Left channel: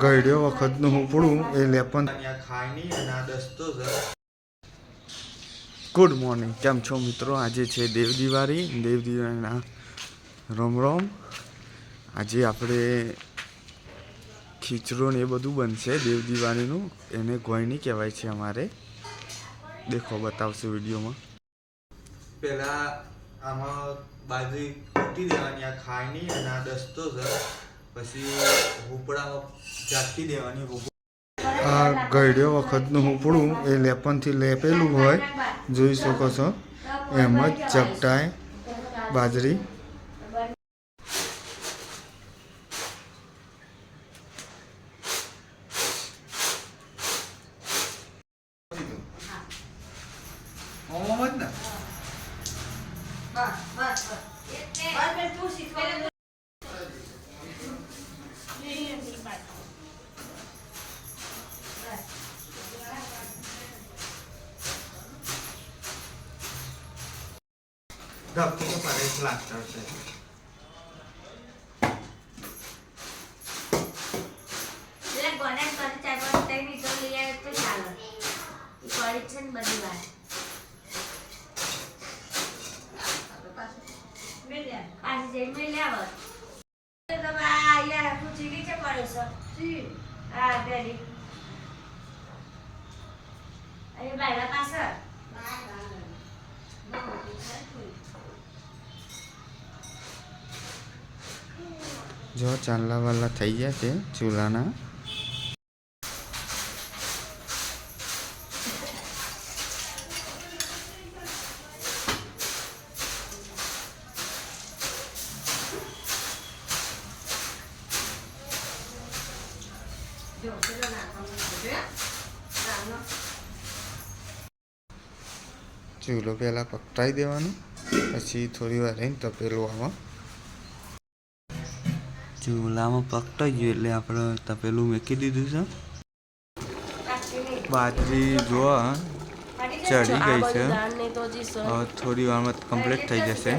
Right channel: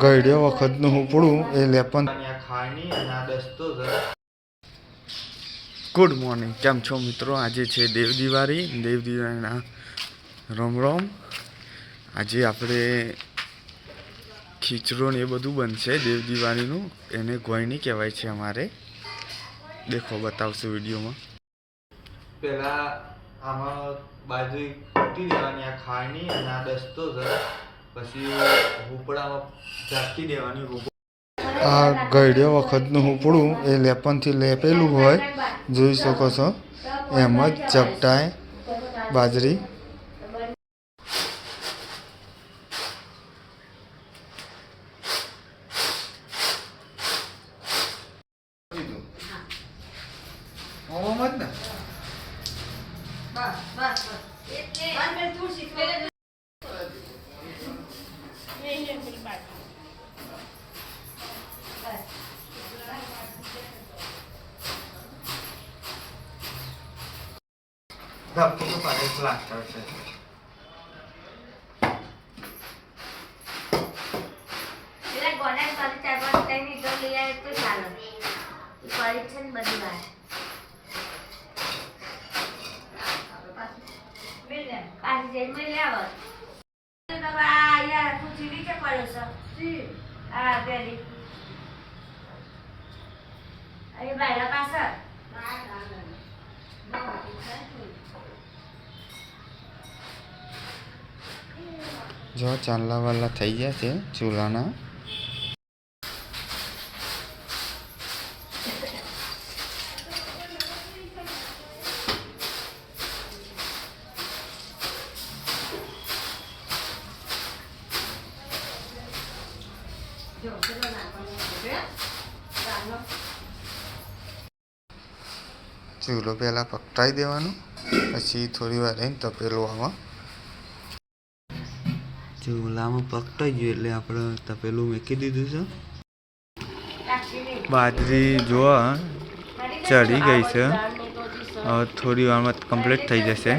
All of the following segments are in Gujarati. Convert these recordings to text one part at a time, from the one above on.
ગળ્યો વખતનું ઉપડું એ લેપન ગુડ મોર્નિંગ, કેમ છો મિત્રો? આજે છે દેવ દિવાળીના રોમ રોમ. આજે આપણે ખીચડો ને એ બધું બનશે દેવ દિવાળીનું. એને ગોયણી કહેવાય છે અમારે. દેખો, બતાવશું વિડીયોમાં. પેલા આમાં બાજરી કૂટી દેવાની, આ ખાયની અને આ દસ્તો છે. પછી હુપડામાં ઝાંકી દેવાની. આ ગળ્યો વખતનું હુપડું એ લેપનથી લેપેલું હોય, જોઈ શકો છો. એમ જ ચપટાય બાજરી. ધક્કો તો પાડે લાગતા છે. જો ચાંદલા વાલા થઈ ગયા છે ચૂલાના. ચૂલો પહેલાં પકટાઈ દેવાનું, પછી થોડી વાર રહીને તપેલું આમાં. ચૂલામાં પકટાઈ ગયું એટલે આપણે તપેલું મૂકી દીધું છે. બાજરી જોવા ચડી ગઈ છે. હવે થોડી વારમાં કમ્પ્લીટ થઈ જશે.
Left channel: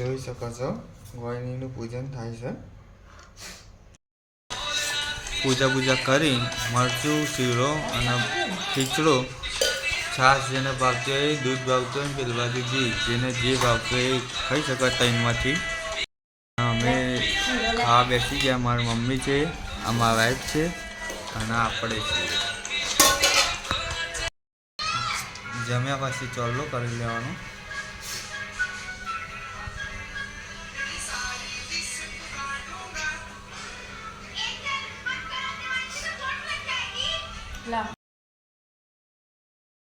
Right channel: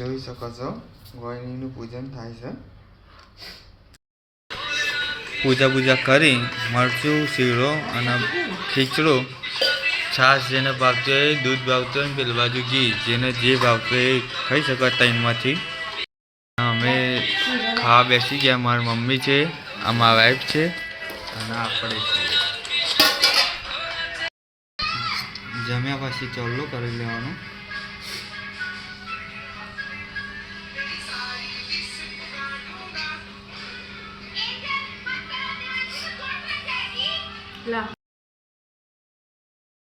જોઈ શકો છો, ગોયણીનું પૂજન થાય છે. પૂજા કરી મરચું, શીરો અને ખીચડો, છાશ જેને ભાવતું હોય, દૂધ ભાવતું હોય, પેલી બાજુ ઘી, જેને જે ભાવતું હોય એ ખાઈ શકો. ત્રણમાંથી અમે ખાવા બેસી ગયા. મારી મમ્મી છે, અમારા વાઈફ છે અને આપણે છીએ. જમ્યા પછી ચોલ્લો કરી લેવાનો.